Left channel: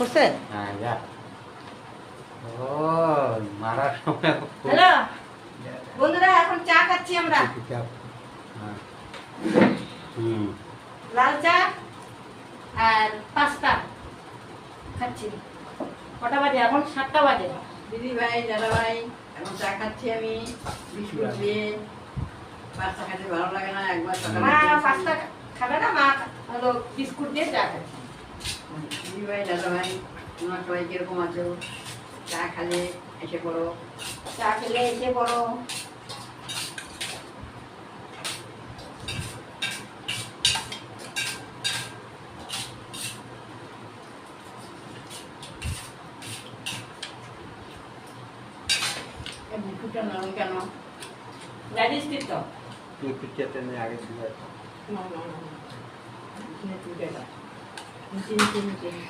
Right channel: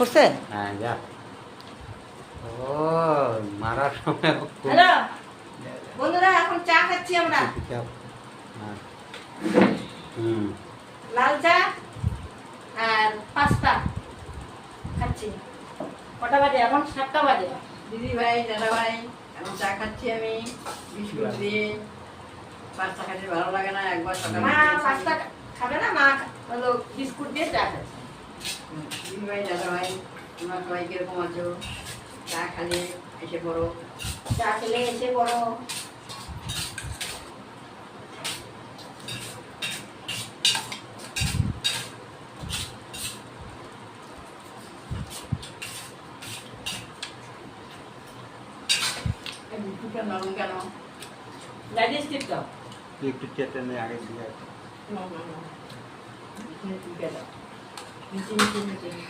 করছে? হ্যাঁ যা। ও মারার সময় হ্যালো বন্ধুরা, এখন চা খাচ্ছি আমরা। হ্যাঁ। হুম। লাল চা আর পাস্তা খাচ্ছি। কটা বাজে এখন? 7টা বাজে। দিদি ভাই, দাদা ভাই, এখন চা খাচ্ছি আমি বিস্কুট দিয়ে। পাস্তা খেতে ভালো লাগে না, একবার সকালে মা খেয়েছি। পাস্তা খাবে না, মা হলো বিস্কুট দিয়ে চা খাচ্ছে। দিদি ভাই, দাদা ভাই, তোমরা সবাই কিরকম আছো? চা খেলে এসে পড়ো। চা খেলে এসে বড়। এই বিস্কুটটা নরম কেন? ডাইজেস্টিভ তো। একটু চেপে নিয়ে আগে দিয়ে না না না, চিনি দাও, চিনি চিনি চিনি।